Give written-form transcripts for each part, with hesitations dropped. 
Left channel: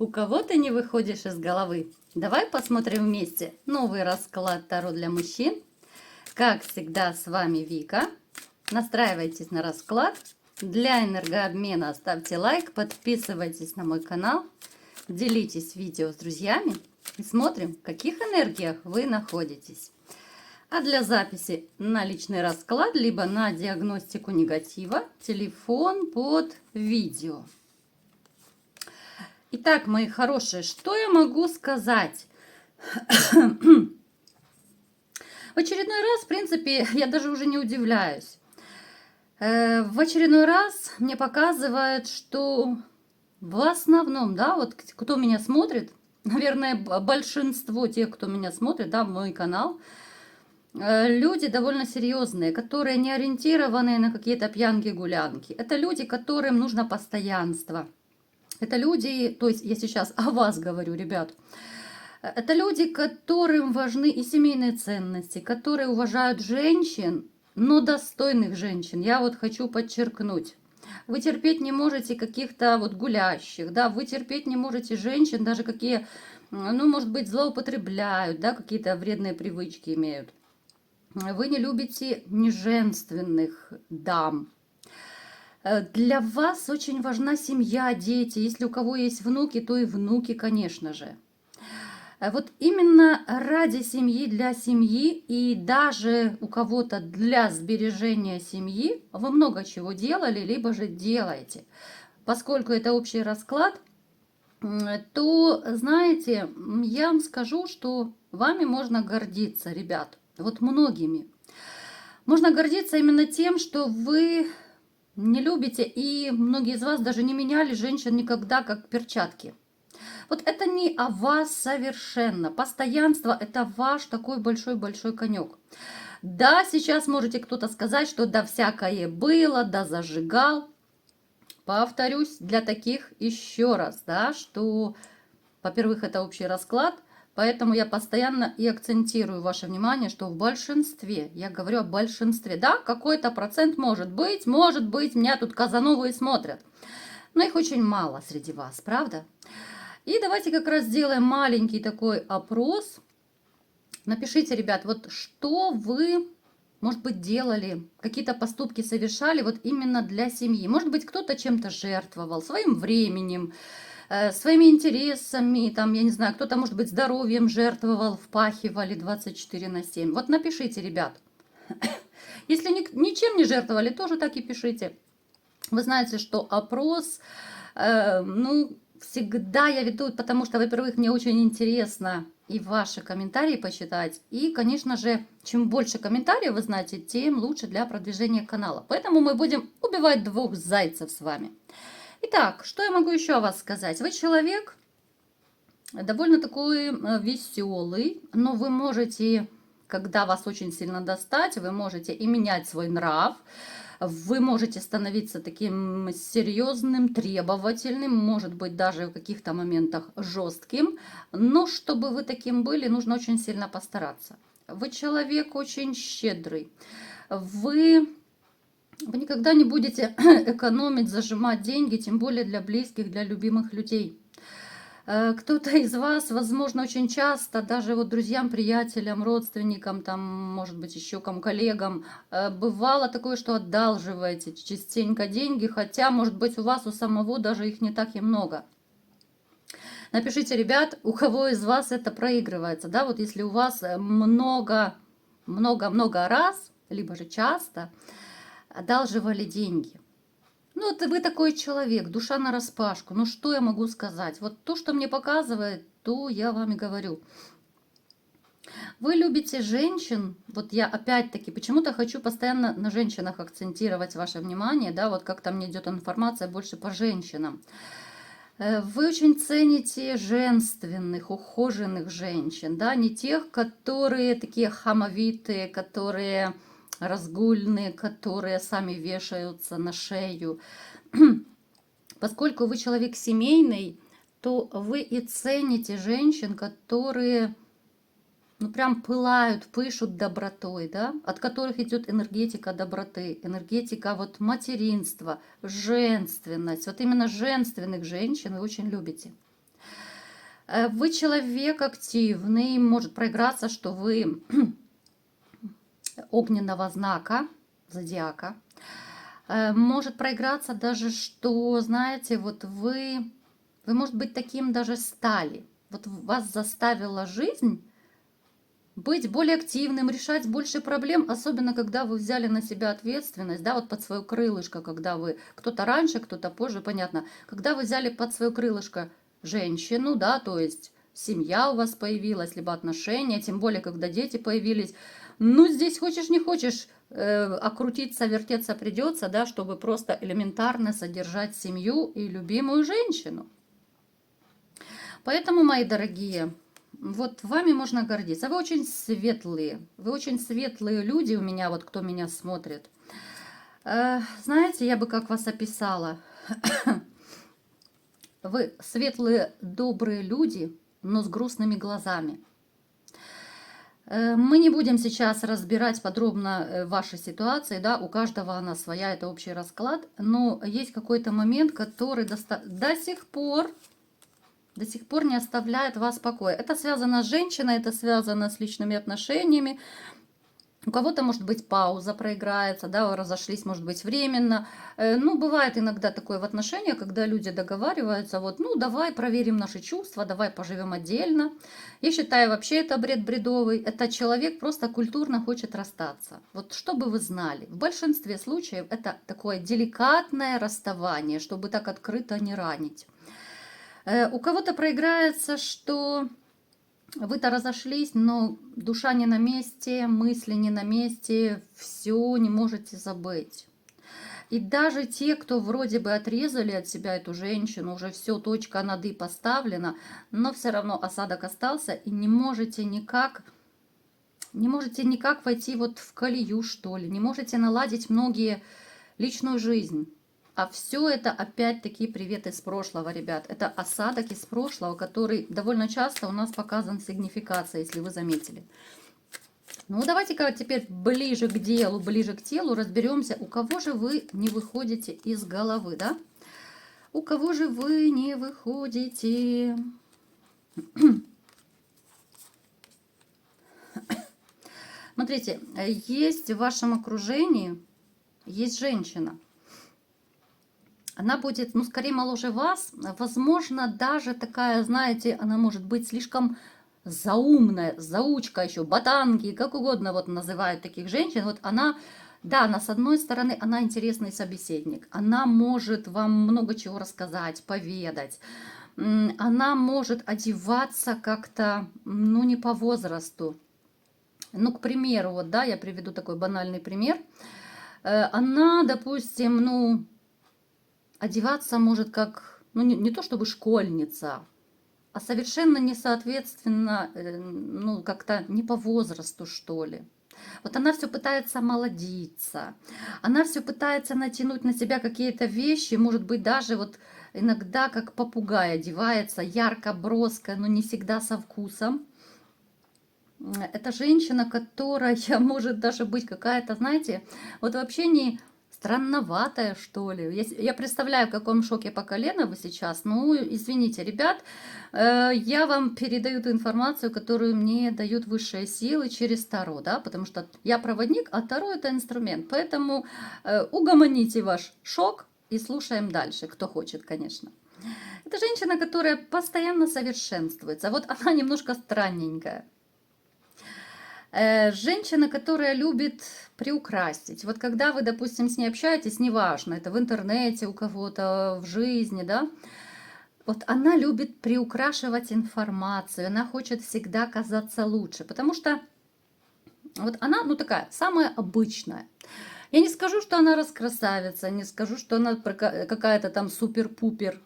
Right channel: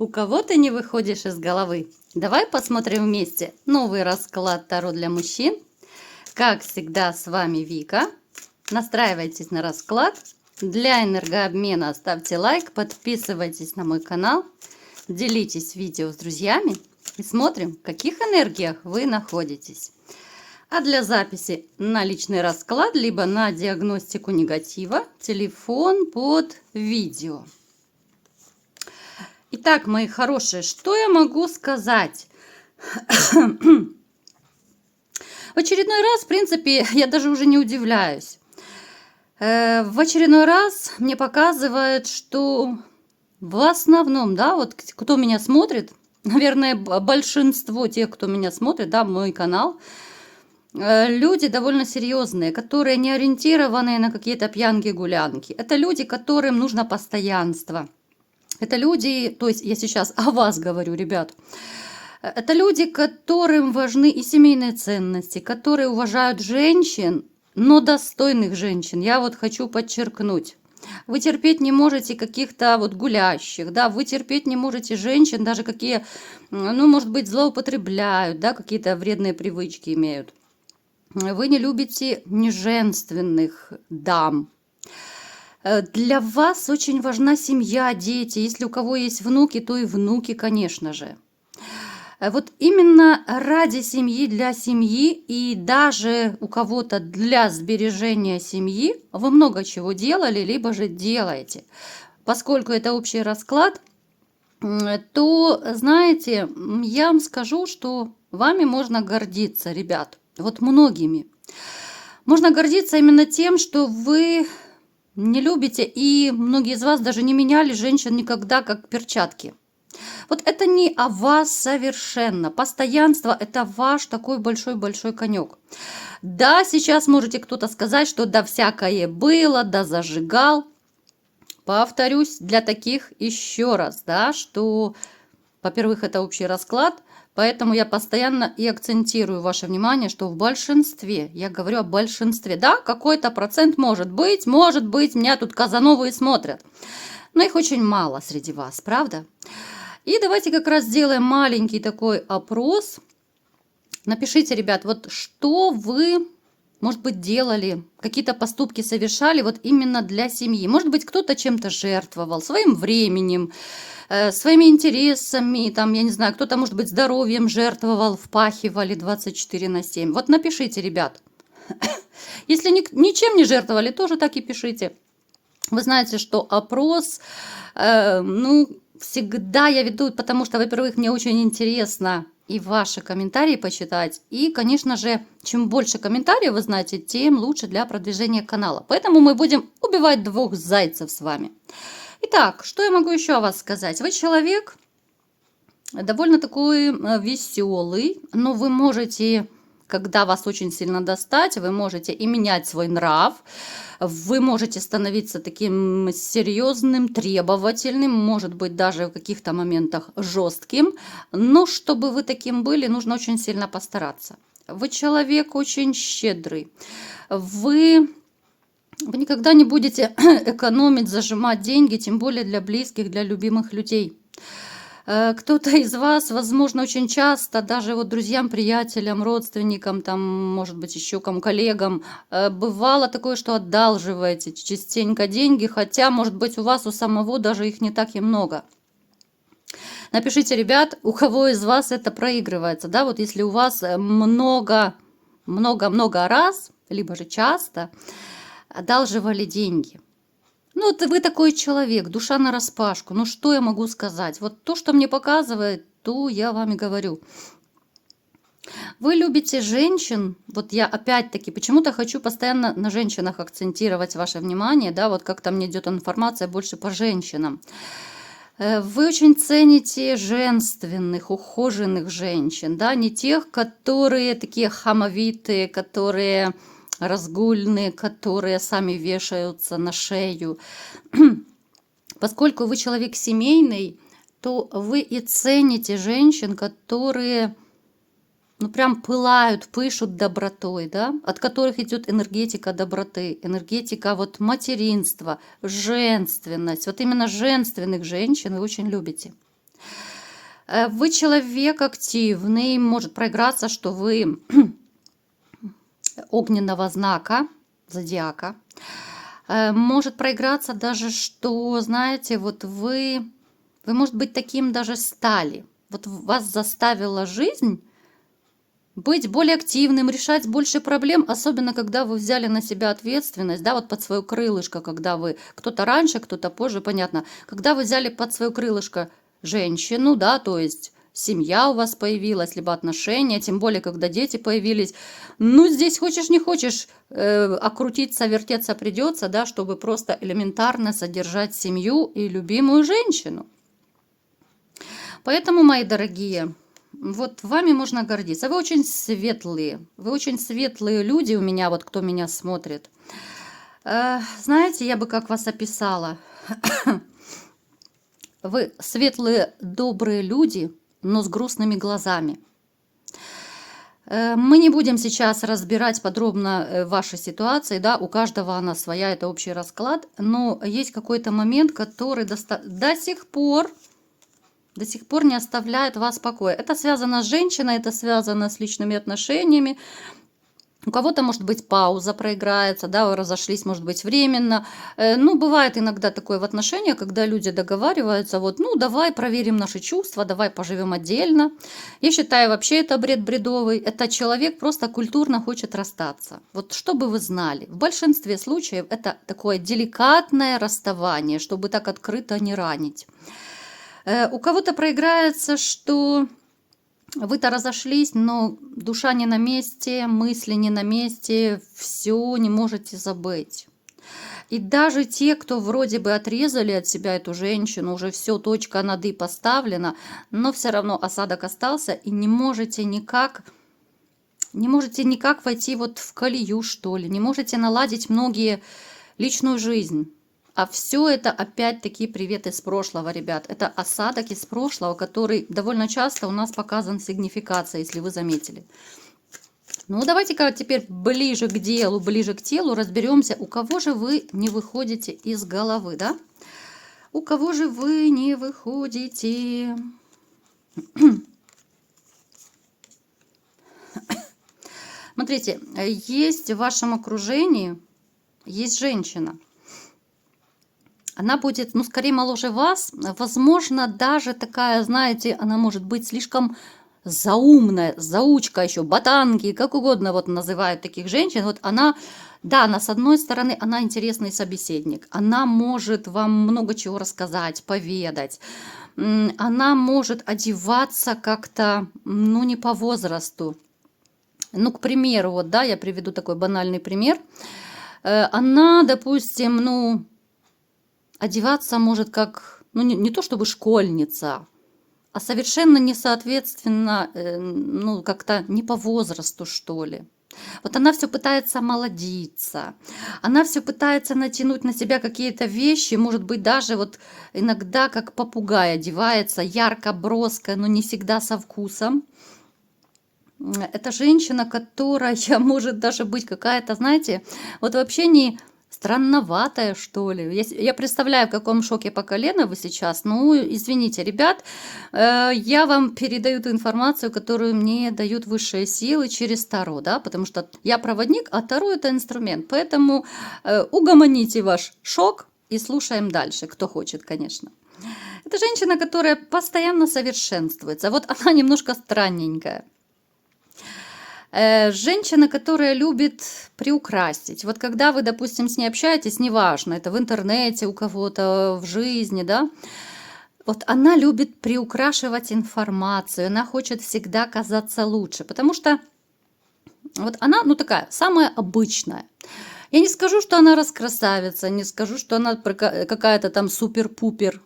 У кого ты не выходишь из головы? Давай посмотрим вместе новый расклад Таро для мужчин. Как всегда, с вами Вика. Настраивайтесь на расклад. Для энергообмена ставьте лайк, подписывайтесь на мой канал, делитесь видео с друзьями и смотрим, в каких энергиях вы находитесь. А для записи на личный расклад, либо на диагностику негатива, телефон под видео. Итак, мои хорошие, что я могу сказать? В очередной раз, в принципе, я даже уже не удивляюсь. В очередной раз мне показывают, что в основном, да, вот кто меня смотрит, наверное, большинство тех, кто меня смотрит, да, мой канал, люди довольно серьезные, которые не ориентированы на какие-то пьянки-гулянки. Это люди, которым нужно постоянство. Это люди, то есть я сейчас о вас говорю, ребят. Это люди, которым важны и семейные ценности, которые уважают женщин, но достойных женщин. Я вот хочу подчеркнуть. Вы терпеть не можете каких-то вот гулящих, да, вы терпеть не можете женщин, даже какие, ну, может быть, злоупотребляют, да, какие-то вредные привычки имеют. Вы не любите неженственных дам. Для вас очень важна семья, дети. Если у кого есть внуки, то и внуки, конечно же. Вот именно ради семьи, для семьи и даже у кого-то для сбережения семьи вы много чего делали, либо же делаете. Поскольку это общий расклад, то, знаете, я вам скажу, что вами можно гордиться, ребят. Вот многими. Можно гордиться именно тем, что вы не любите, и многие из вас даже не меняли женщин никогда как перчатки. Вот это не о вас совершенно. Постоянство – это ваш такой большой-большой конек. Да, сейчас можете кто-то сказать, что да всякое было, да зажигал. Повторюсь для таких еще раз, да, что, во-первых, это общий расклад, поэтому я постоянно и акцентирую ваше внимание, что в большинстве, я говорю о большинстве, да, какой-то процент может быть, меня тут казановые смотрят, но их очень мало среди вас, правда? И давайте как раз сделаем маленький такой опрос. Напишите, ребят, вот что вы, может быть, делали, какие-то поступки совершали вот именно для семьи. Может быть, кто-то чем-то жертвовал, своим временем, своими интересами, там, я не знаю, кто-то, может быть, здоровьем жертвовал, впахивали 24/7. Вот напишите, ребят. Если ничем не жертвовали, тоже так и пишите. Вы знаете, что опрос, всегда я веду, потому что, во-первых, мне очень интересно и ваши комментарии почитать. И, конечно же, чем больше комментариев вы знаете, тем лучше для продвижения канала. Поэтому мы будем убивать двух зайцев с вами. Итак, что я могу еще о вас сказать? Вы человек довольно такой веселый, но вы можете, когда вас очень сильно достать, вы можете и менять свой нрав. Вы можете становиться таким серьезным, требовательным, может быть, даже в каких-то моментах жестким. Но чтобы вы таким были, нужно очень сильно постараться. Вы человек очень щедрый. Вы никогда не будете экономить, зажимать деньги, тем более для близких, для любимых людей. Кто-то из вас, возможно, очень часто, даже вот друзьям, приятелям, родственникам, там, может быть, еще кому, коллегам, бывало такое, что одалживаете частенько деньги, хотя, может быть, у вас у самого даже их не так и много. Напишите, ребят, у кого из вас это проигрывается, да, вот если у вас много раз, либо же часто одалживали деньги. Ну, вот вы такой человек, душа нараспашку. Ну, что я могу сказать? Вот то, что мне показывает, то я вам и говорю. Вы любите женщин, вот я опять-таки почему-то хочу постоянно на женщинах акцентировать ваше внимание, да, вот как-то мне идет информация больше по женщинам. Вы очень цените женственных, ухоженных женщин, да, не тех, которые такие хамовитые, которые разгульные, которые сами вешаются на шею. Поскольку вы человек семейный, то вы и цените женщин, которые, ну, прям пылают, пышут добротой, да, от которых идет энергетика доброты, энергетика вот материнства, женственность. Вот именно женственных женщин вы очень любите. Вы человек активный, может проиграться, что вы огненного знака, зодиака. Может проиграться даже, что, знаете, вот вы, может быть, таким даже стали. Вот вас заставила жизнь быть более активным, решать больше проблем, особенно когда вы взяли на себя ответственность, да, вот под свое крылышко, когда вы, кто-то раньше, кто-то позже, понятно, когда вы взяли под свое крылышко женщину, да, то есть семья у вас появилась, либо отношения, тем более, когда дети появились. Ну, здесь хочешь не хочешь, окрутиться, вертеться придется, да, чтобы просто элементарно содержать семью и любимую женщину. Поэтому, мои дорогие, вот вами можно гордиться. Вы очень светлые люди у меня, вот кто меня смотрит. Знаете, я бы как вас описала. Вы светлые, добрые люди, но с грустными глазами. Мы не будем сейчас разбирать подробно ваши ситуации, да, у каждого она своя, это общий расклад, но есть какой-то момент, который до сих пор не оставляет вас покоя. Это связано с женщиной, это связано с личными отношениями. У кого-то, может быть, пауза проиграется, да, вы разошлись, может быть, временно. Ну, бывает иногда такое в отношениях, когда люди договариваются, вот, ну, давай проверим наши чувства, давай поживем отдельно. Я считаю, вообще это бред бредовый. Это человек просто культурно хочет расстаться. Вот, чтобы вы знали, в большинстве случаев это такое деликатное расставание, чтобы так открыто не ранить. У кого-то проиграется, что вы-то разошлись, но душа не на месте, мысли не на месте, все не можете забыть. И даже те, кто вроде бы отрезали от себя эту женщину, уже все, точка над «и» поставлена, но все равно осадок остался, и не можете никак войти вот в колею, что ли, не можете наладить многие личную жизнь. А все это опять-таки привет из прошлого, ребят. Это осадок из прошлого, который довольно часто у нас показан сигнификацией, если вы заметили. Ну, давайте-ка теперь ближе к телу разберемся, у кого же вы не выходите из головы, да? У кого же вы не выходите? Смотрите, есть в вашем окружении, есть женщина. Она будет, ну, скорее моложе вас, возможно, даже такая, знаете, она может быть слишком заумная, заучка еще, ботанки, как угодно вот называют таких женщин. Вот она, да, она с одной стороны, она интересный собеседник, она может вам много чего рассказать, поведать, она может одеваться как-то, ну, не по возрасту. Ну, к примеру, вот, да, я приведу такой банальный пример. Она, допустим, ну, одеваться может как, ну, не то чтобы школьница, а совершенно не соответственно, ну, как-то не по возрасту, что ли. Вот она все пытается молодиться, она все пытается натянуть на себя какие-то вещи, может быть, даже вот иногда как попугай одевается, ярко, броско, но не всегда со вкусом. Это женщина, которая может даже быть какая-то, знаете, вот вообще не странноватая, что ли. Я представляю, в каком шоке по колено вы сейчас. Ну, извините, ребят, я вам передаю ту информацию, которую мне дают высшие силы через Таро, да, потому что я проводник, а Таро это инструмент. Поэтому угомоните ваш шок и слушаем дальше, кто хочет, конечно. Это женщина, которая постоянно совершенствуется. Вот она немножко странненькая. Женщина, которая любит приукрасить. Вот когда вы, допустим, с ней общаетесь, неважно, это в интернете у кого-то, в жизни, да, вот она любит приукрашивать информацию, она хочет всегда казаться лучше, потому что вот она, ну, такая, самая обычная. Я не скажу, что она раскрасавица, не скажу, что она какая-то там супер-пупер.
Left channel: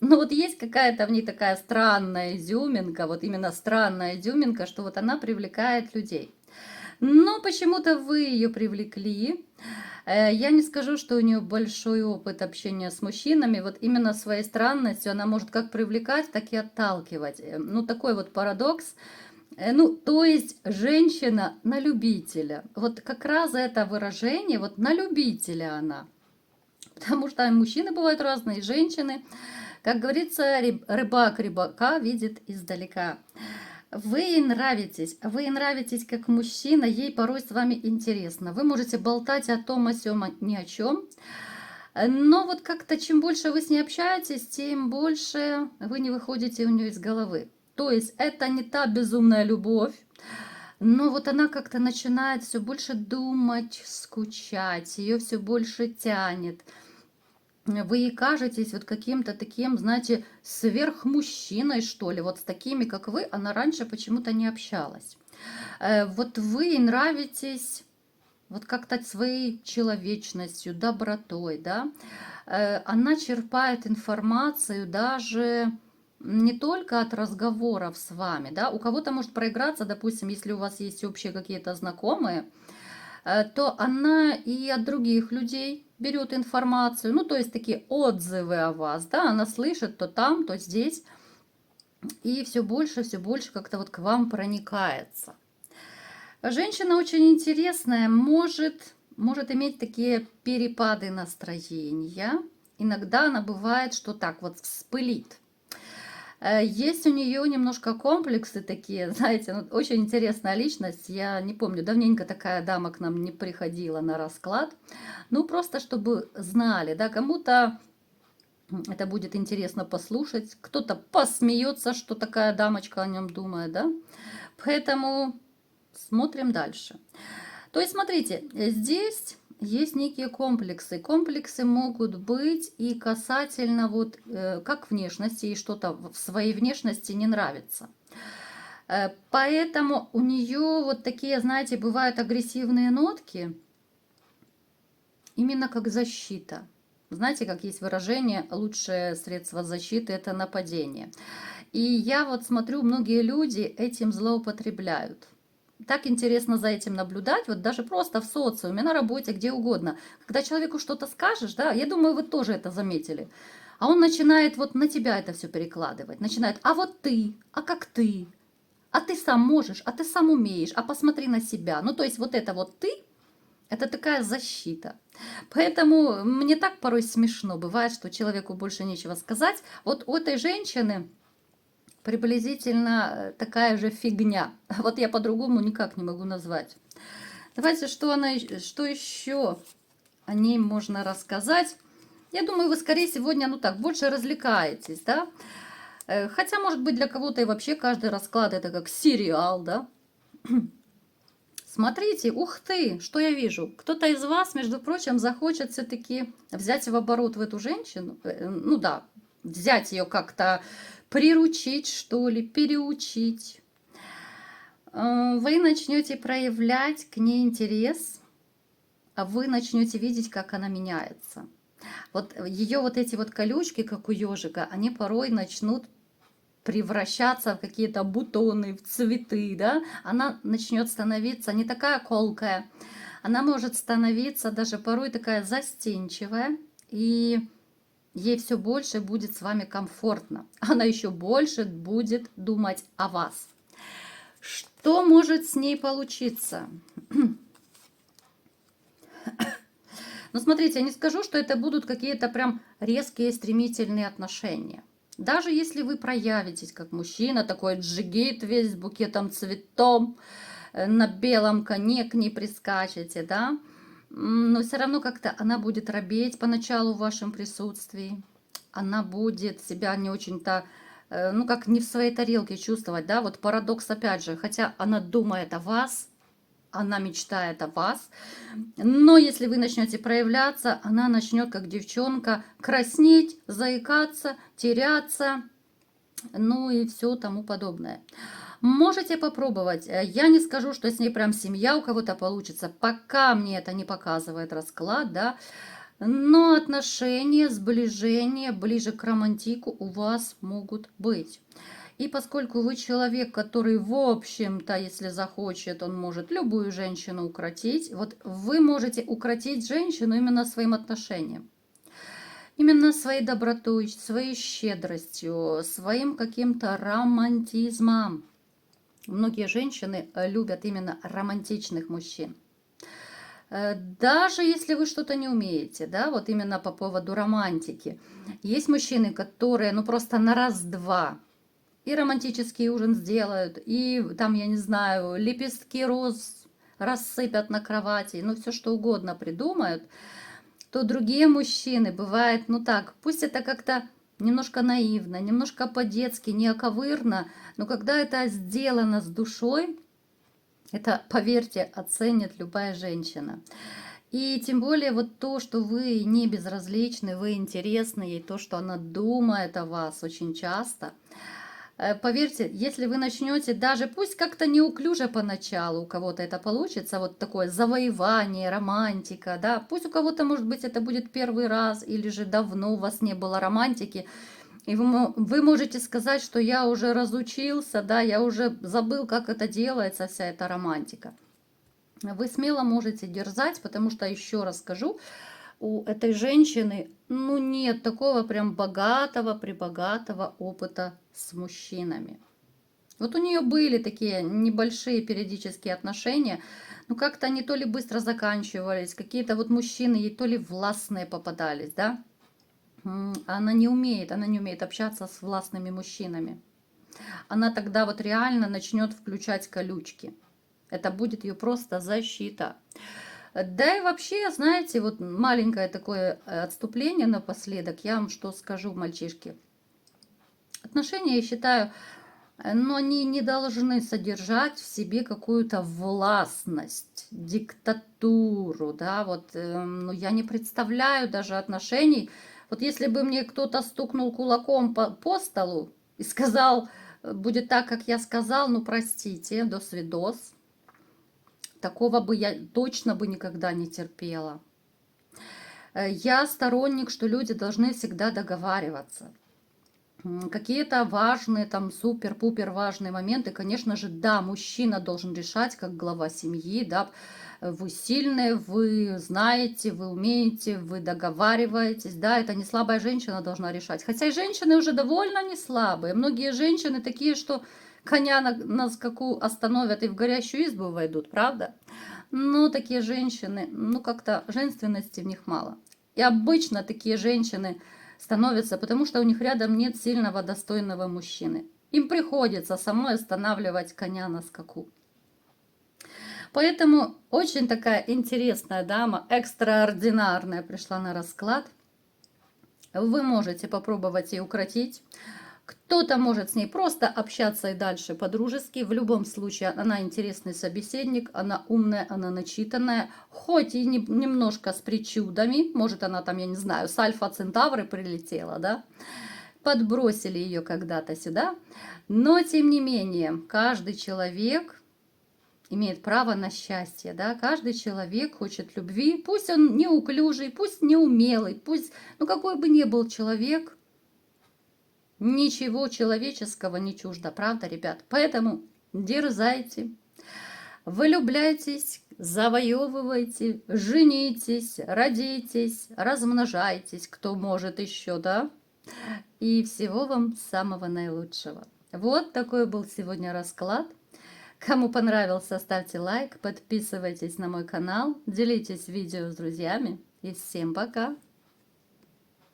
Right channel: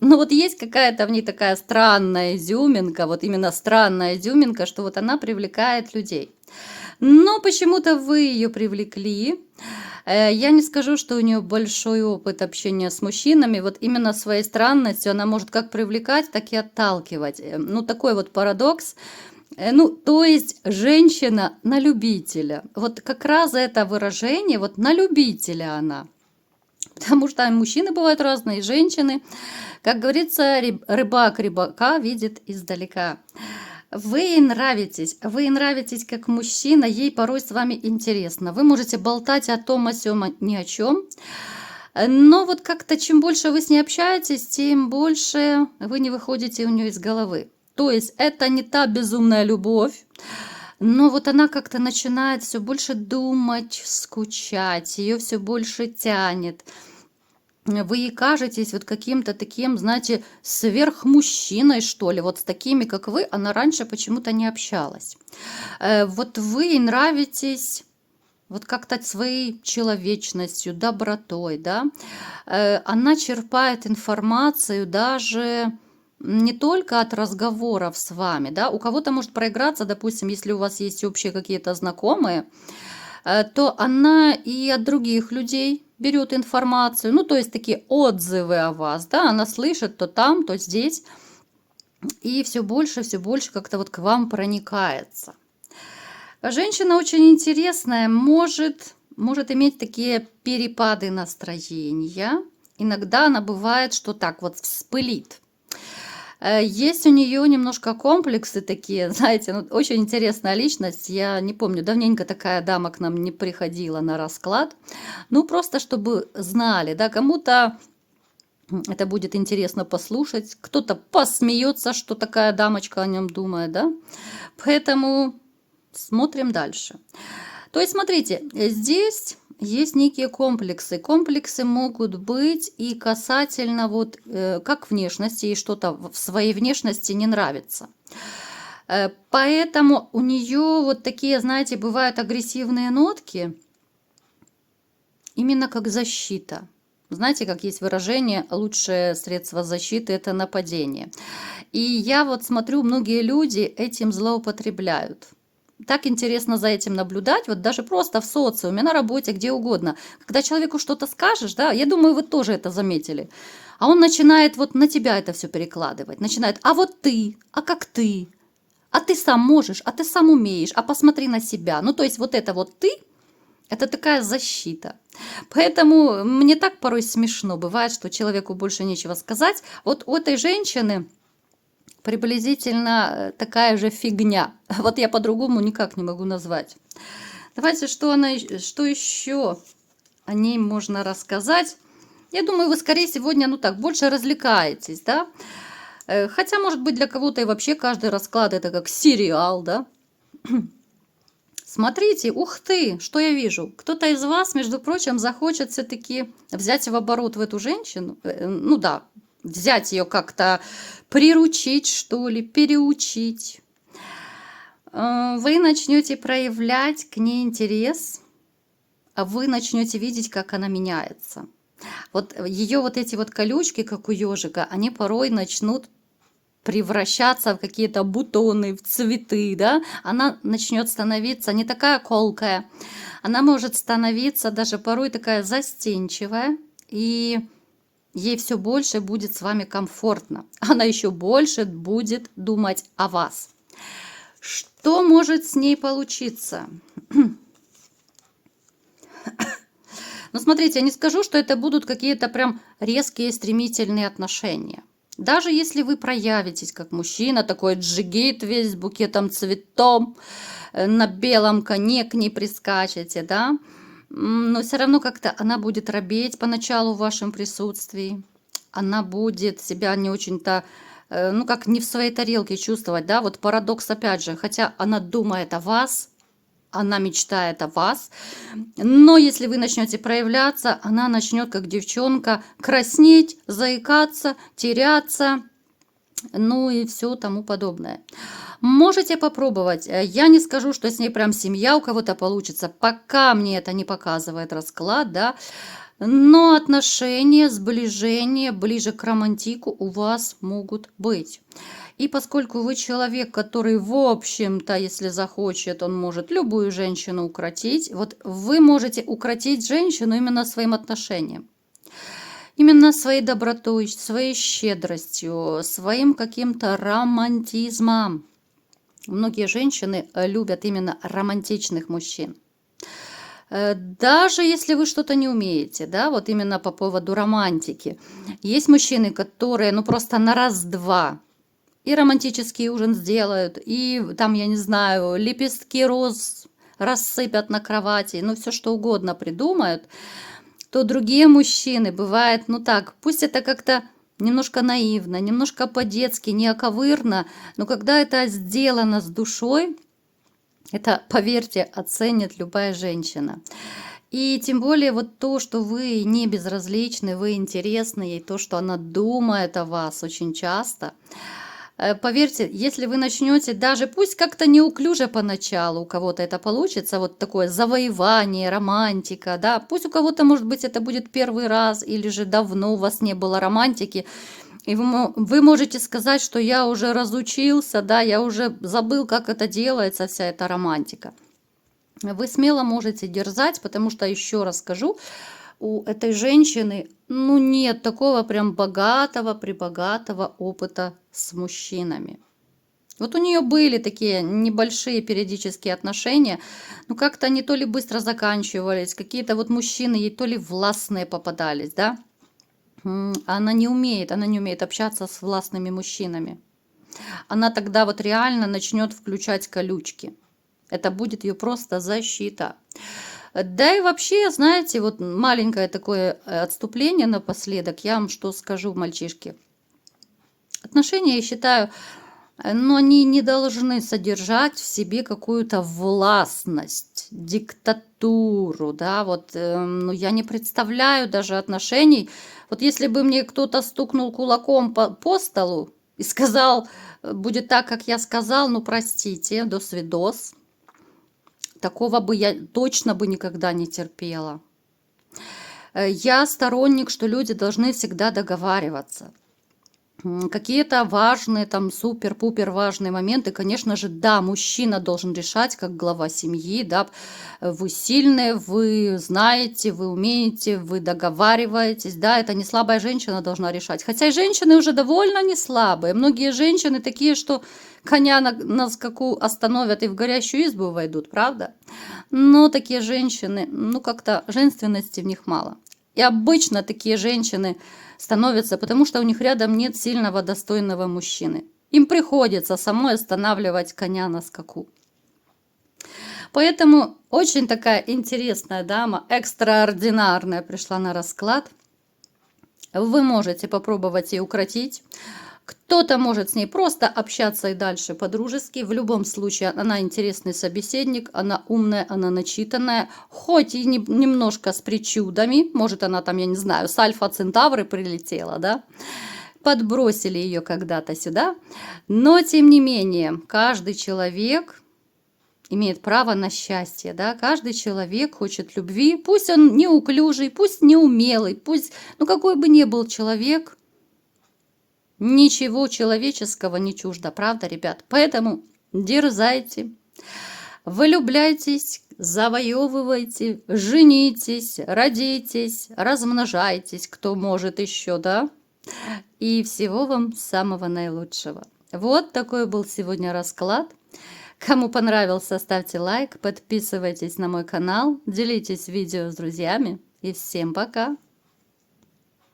Но вот есть какая-то в ней такая странная изюминка, вот именно странная изюминка, что вот она привлекает людей. Но почему-то вы ее привлекли. Я не скажу, что у нее большой опыт общения с мужчинами. Вот именно своей странностью она может как привлекать, так и отталкивать. Ну, такой вот парадокс. Ну, то есть женщина на любителя. Вот как раз это выражение, вот на любителя она. Потому что мужчины бывают разные, женщины. Как говорится, рыбак рыбака видит издалека. Вы ей нравитесь как мужчина, ей порой с вами интересно. Вы можете болтать о том, о сём, ни о чем. Но вот как-то чем больше вы с ней общаетесь, тем больше вы не выходите у нее из головы. То есть это не та безумная любовь, но вот она как-то начинает все больше думать, скучать, ее все больше тянет. Вы ей кажетесь вот каким-то таким, знаете, сверхмужчиной, что ли. Вот с такими, как вы, она раньше почему-то не общалась. Вот вы ей нравитесь вот как-то своей человечностью, добротой, да. Она черпает информацию даже не только от разговоров с вами, да. У кого-то может проиграться, допустим, если у вас есть общие какие-то знакомые, то она и от других людей берет информацию, ну, то есть такие отзывы о вас, да, она слышит то там, то здесь, и все больше как-то вот к вам проникается. Женщина очень интересная, может иметь такие перепады настроения. Иногда она бывает, что так вот вспылит. Есть у нее немножко комплексы такие, знаете, ну, очень интересная личность. Я не помню, давненько такая дама к нам не приходила на расклад. Ну, просто чтобы знали, да, кому-то это будет интересно послушать, кто-то посмеется, что такая дамочка о нем думает, да. Поэтому смотрим дальше. То есть, смотрите, здесь есть некие комплексы. Комплексы могут быть и касательно вот как внешности, и что-то в своей внешности не нравится. Поэтому у нее вот такие, знаете, бывают агрессивные нотки, именно как защита. Знаете, как есть выражение, лучшее средство защиты – это нападение. И я вот смотрю, многие люди этим злоупотребляют. Так интересно за этим наблюдать, вот даже просто в социуме, на работе, где угодно. Когда человеку что-то скажешь, да, я думаю, вы тоже это заметили, а он начинает вот на тебя это все перекладывать, начинает, а вот ты, а как ты, а ты сам можешь, а ты сам умеешь, а посмотри на себя. Ну, то есть вот это вот ты, это такая защита. Поэтому мне так порой смешно бывает, что человеку больше нечего сказать. Вот у этой женщины приблизительно такая же фигня. Вот я по-другому никак не могу назвать. Давайте, что еще о ней можно рассказать. Я думаю, вы скорее сегодня, ну так, больше развлекаетесь, да? Хотя, может быть, для кого-то и вообще каждый расклад это как сериал, да? Смотрите, ух ты, что я вижу. Кто-то из вас, между прочим, захочет все-таки взять в оборот в эту женщину. Ну да, взять ее как-то, приручить, что ли, переучить. Вы начнете проявлять к ней интерес, а вы начнете видеть, как она меняется. Вот ее вот эти вот колючки, как у ежика, они порой начнут превращаться в какие-то бутоны, в цветы, да, она начнет становиться не такая колкая, она может становиться даже порой такая застенчивая, и ей все больше будет с вами комфортно, она еще больше будет думать о вас. Что может с ней получиться? Ну, смотрите, я не скажу, что это будут какие-то прям резкие, стремительные отношения. Даже если вы проявитесь как мужчина, такой джигит весь с букетом цветов, на белом коне к ней прискачете, да, но все равно как-то она будет робеть поначалу в вашем присутствии, она будет себя не очень-то, ну, как не в своей тарелке чувствовать, да, вот парадокс опять же, хотя она думает о вас, она мечтает о вас, но если вы начнете проявляться, она начнет, как девчонка, краснеть, заикаться, теряться, ну и все тому подобное. Можете попробовать. Я не скажу, что с ней прям семья у кого-то получится, пока мне это не показывает расклад, да, но отношения, сближение ближе к романтику у вас могут быть. И поскольку вы человек, который, в общем-то, если захочет, он может любую женщину укротить, вот вы можете укротить женщину именно своим отношением. Именно своей добротой, своей щедростью, своим каким-то романтизмом. Многие женщины любят именно романтичных мужчин. Даже если вы что-то не умеете, да, вот именно по поводу романтики. Есть мужчины, которые, ну, просто на раз-два и романтический ужин сделают, и там, я не знаю, лепестки роз рассыпят на кровати, ну, все что угодно придумают, то другие мужчины, бывает, ну так, пусть это как-то немножко наивно, немножко по-детски, неоковырно, но когда это сделано с душой, это, поверьте, оценит любая женщина. И тем более вот то, что вы не безразличны, вы интересны ей, то, что она думает о вас очень часто. Поверьте, если вы начнете даже, пусть как-то неуклюже поначалу у кого-то это получится, вот такое завоевание, романтика, да, пусть у кого-то, может быть, это будет первый раз, или же давно у вас не было романтики, и вы можете сказать, что я уже разучился, да, я уже забыл, как это делается, вся эта романтика. Вы смело можете дерзать, потому что, еще раз скажу, у этой женщины, ну, нет такого прям прибогатого опыта с мужчинами. Вот у нее были такие небольшие периодические отношения, но как-то они то ли быстро заканчивались, какие-то вот мужчины ей то ли властные попадались, да. Она не умеет общаться с властными мужчинами. Она тогда вот реально начнет включать колючки. Это будет ее просто защита. Да и вообще, знаете, вот маленькое такое отступление напоследок. Я вам что скажу, мальчишки. Отношения, я считаю, но они не должны содержать в себе какую-то властность, диктатуру, да, вот, ну, я не представляю даже отношений. Вот если бы мне кто-то стукнул кулаком по столу и сказал, будет так, как я сказал, ну, простите, до свидос. Такого бы я точно бы никогда не терпела. Я сторонник, что люди должны всегда договариваться. Какие-то важные, там, супер-пупер важные моменты, конечно же, да, мужчина должен решать, как глава семьи, да, вы сильные, вы знаете, вы умеете, вы договариваетесь, да, это не слабая женщина должна решать. Хотя и женщины уже довольно не слабые. Многие женщины такие, что коня на скаку остановят и в горящую избу войдут, правда? Но такие женщины, ну, как-то женственности в них мало. И обычно такие женщины становятся, потому что у них рядом нет сильного, достойного мужчины. Им приходится самой останавливать коня на скаку. Поэтому очень такая интересная дама, экстраординарная, пришла на расклад. Вы можете попробовать ее укротить. Кто-то может с ней просто общаться и дальше по-дружески. В любом случае, она интересный собеседник, она умная, она начитанная, хоть и немножко с причудами. Может, она там, я не знаю, с Альфа-Центавры прилетела, да? Подбросили ее когда-то сюда. Но, тем не менее, каждый человек имеет право на счастье, да? Каждый человек хочет любви. Пусть он неуклюжий, пусть неумелый, пусть, ну, какой бы ни был человек, ничего человеческого не чуждо, правда, ребят? Поэтому дерзайте, влюбляйтесь, завоевывайте, женитесь, родитесь, размножайтесь, кто может еще, да? И всего вам самого наилучшего. Вот такой был сегодня расклад. Кому понравился, ставьте лайк, подписывайтесь на мой канал, делитесь видео с друзьями. И всем пока!